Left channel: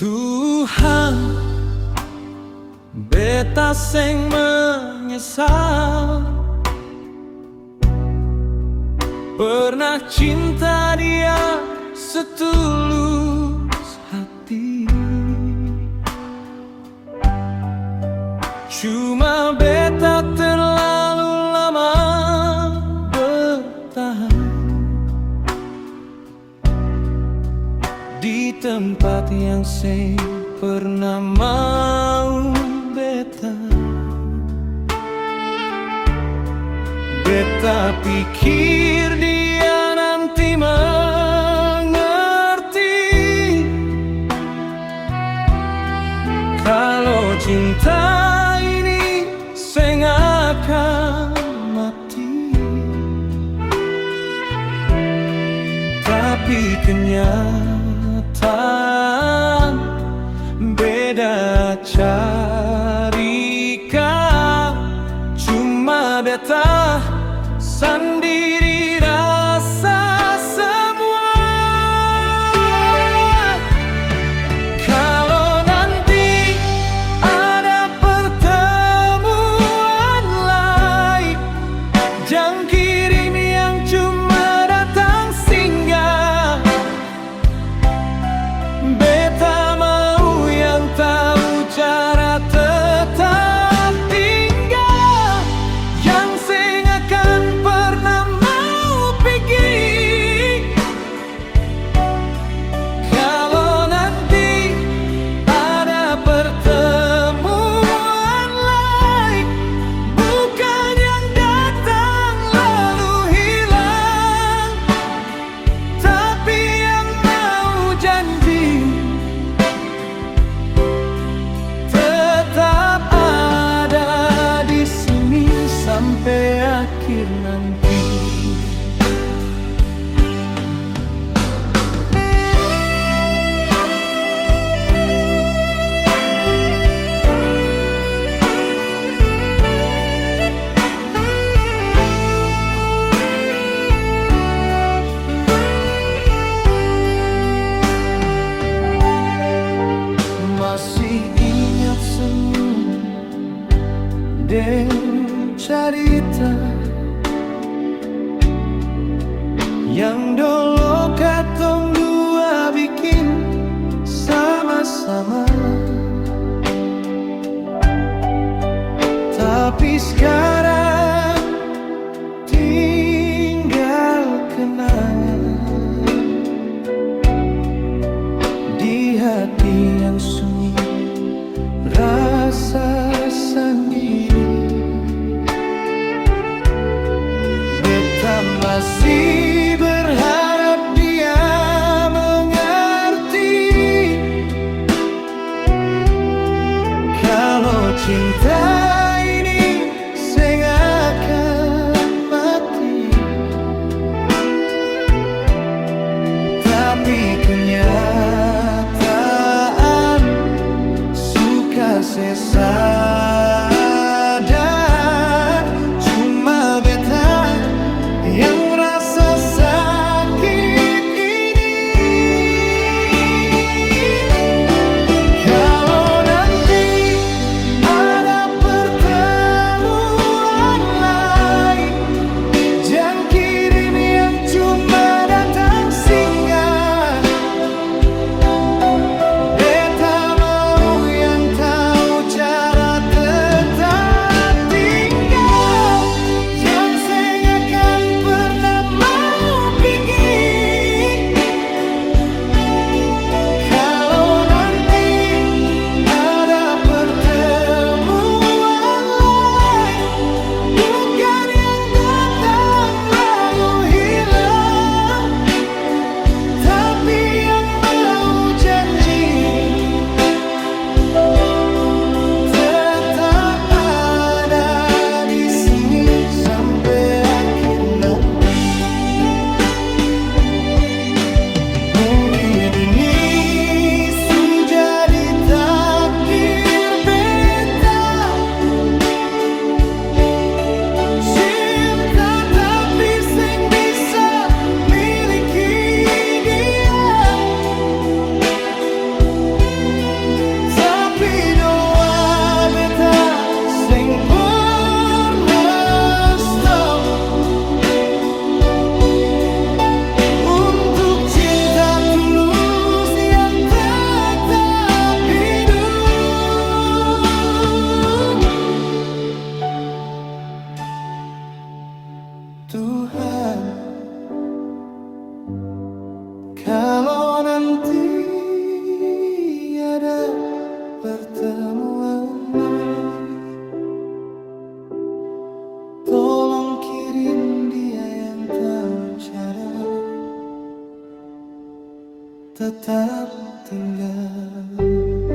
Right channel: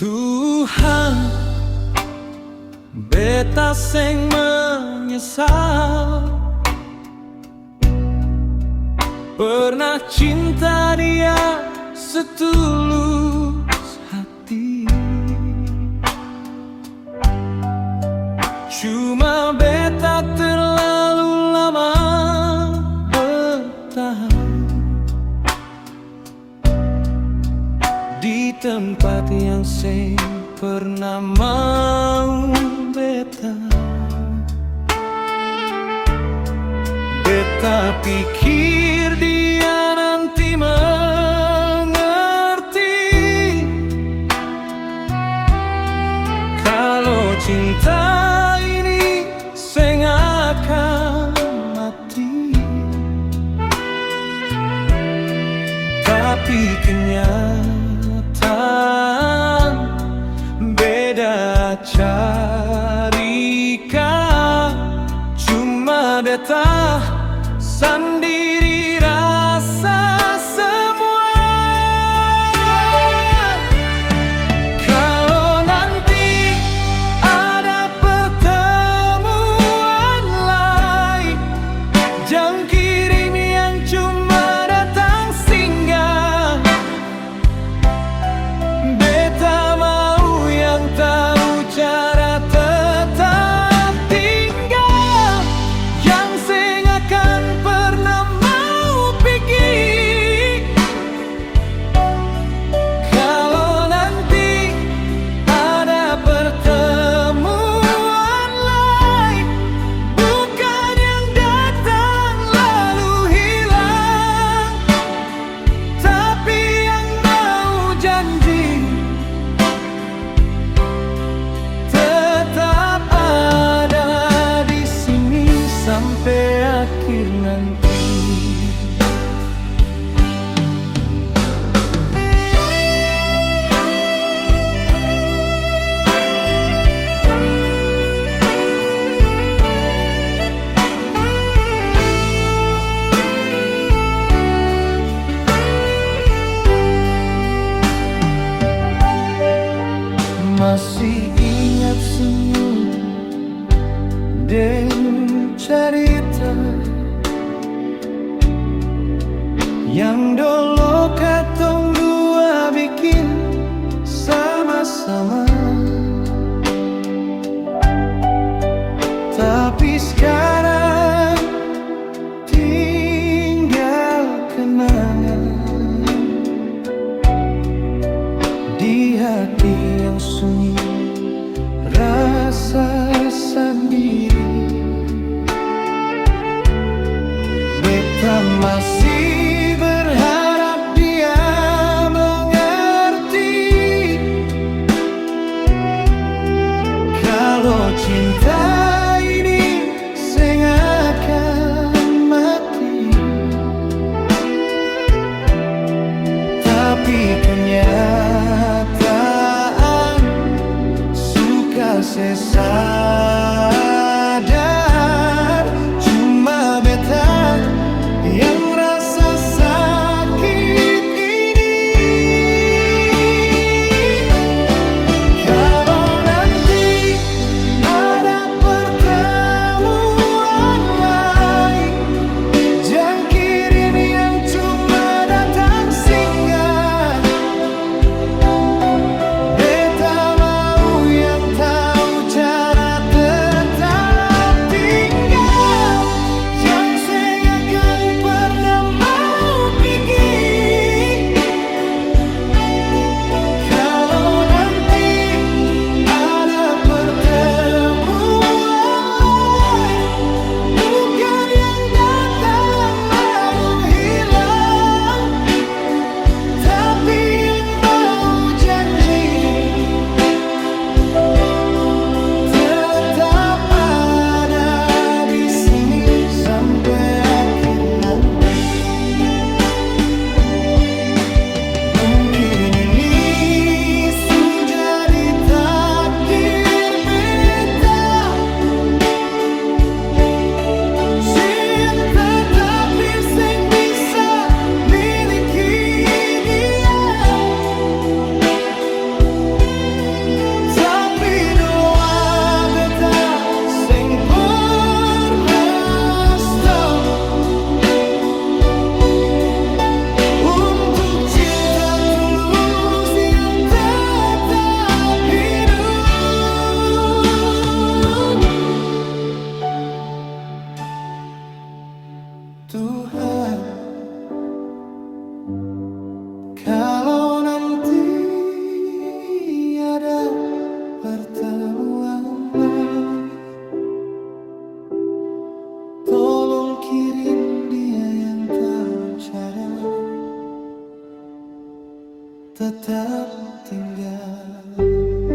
Tuhan, beta sing menyesal pernah cinta dia setulus hati. Cuma beta terlalu lama bertahan di tempat yang sing pernah mau beta. Beta pikir dia nanti mengerti kalau cinta ini sing akan mati. Tapi kenyataan beda carika. Cuma beta sendiri rasa semua. Kalau nanti ada pertemuan lain, jangan kirim yang cuma datang singgah. Beta mau yang tahu cara tetap tinggal, yang sing akan pernah mau pergi. Kalau nanti ada pertemuan lain, bukan yang datang lalu hilang, tapi yang mau janji tetap ada di sini sampai akhir nanti. Masih ingat senyum dan cerita yang dulu katong dua bikin sama-sama. Tapi sekarang tinggal kenangan di hati yang sunyi, rasa sendiri. Beta masih berharap dia mengerti kalau cinta ini sing akan mati. Tapi kenyataan suka sesadar, cuma beta yang rasa sakit ini. Kalau nanti ada pertemuan lain, jangan kirim yang cuma datang singgah. Beta mau yang tahu cara tetap tinggal, yang sing akan pernah mau pergi. Kalau nanti ada pertemuan lain, bukan yang datang lalu hilang, tapi yang mau janji tetap ada di sini sampai akhir nanti. Mungkin ini sudah di takdir beta, cinta tapi sing bisa miliki dia. untuk cinta tulus yang tetap hidup. Tuhan, kalau nanti ada pertemuan lain, tolong kirim dia yang tahu cara tetap tinggal.